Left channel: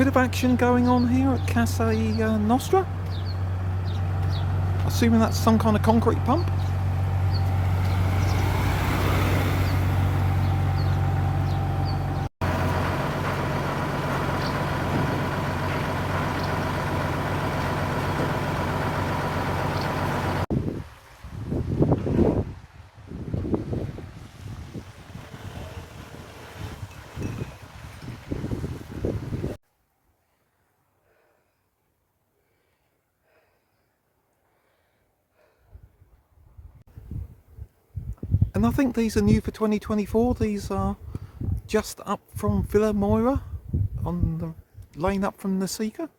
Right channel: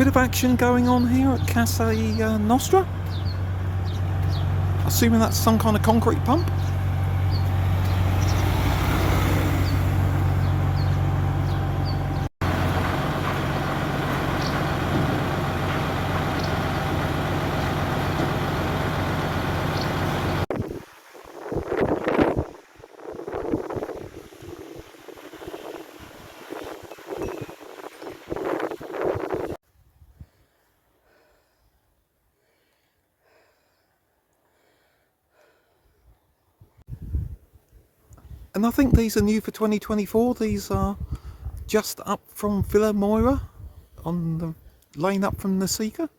Bit of action going on here at Casa Nostra. Assuming that's some kind of concrete pump. And I think these are new for 2024. These are just up from Villa Moira, on the lane up from Nafsika.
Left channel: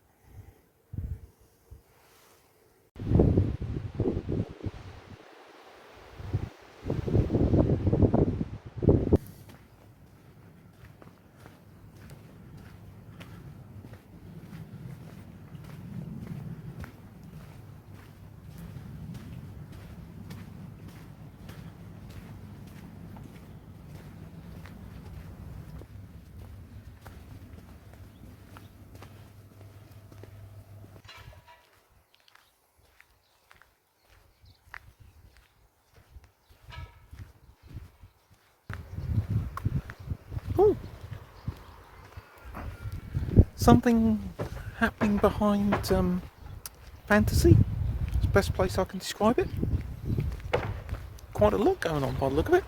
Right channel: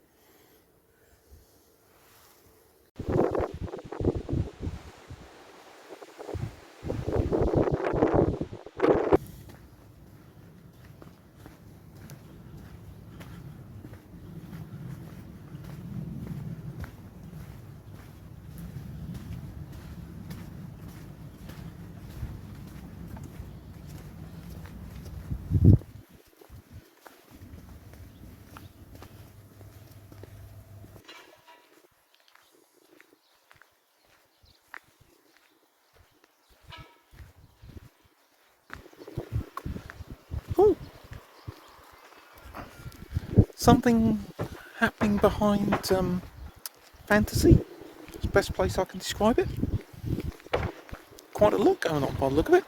Oh, something happening behind Fantasy. It's the best place I can describe it. Quite a lot going on by the look of it.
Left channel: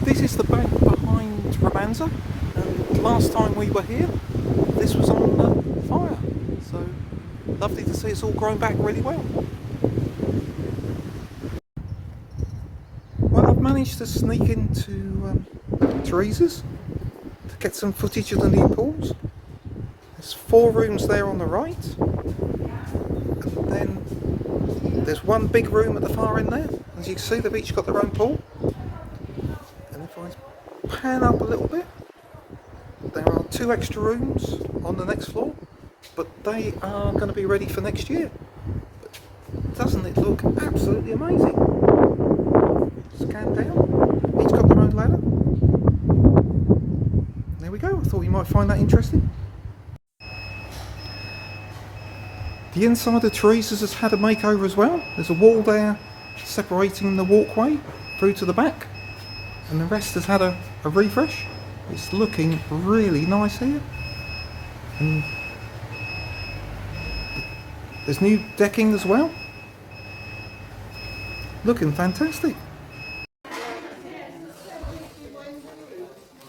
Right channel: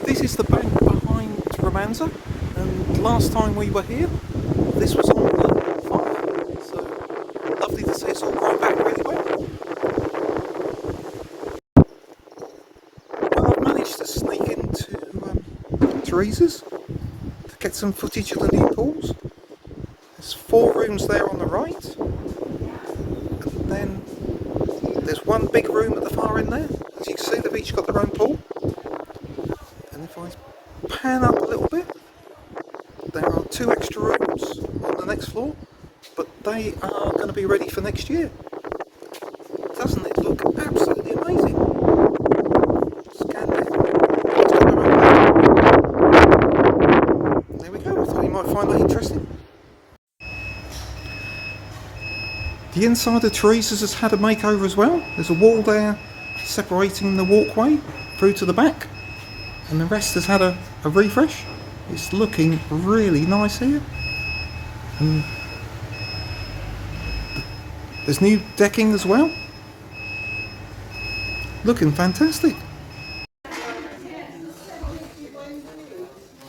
This is the bank behind Romanza, and last time we were here, this was on fire. So lovely to see it's all grown back really well. Well, I've managed to sneak into Terezas to get some footage of the new pools. There's 4 rooms there on the right, and then there's one big room at the far end there. As you can see, they've each got their own pool. And if I pan up a little bit, there are 2 extra rooms on the next floor, but they are going to be ready for next year. But doesn't it look absolutely amazing? Scan down. There we go, I thought you might find that interesting. The inside of Terezas has had a makeover as well. There's a wall there separating the walkway through to the back, and the rest has had a refresh. It's looking really nice here, and there's new decking as well, looking fantastic.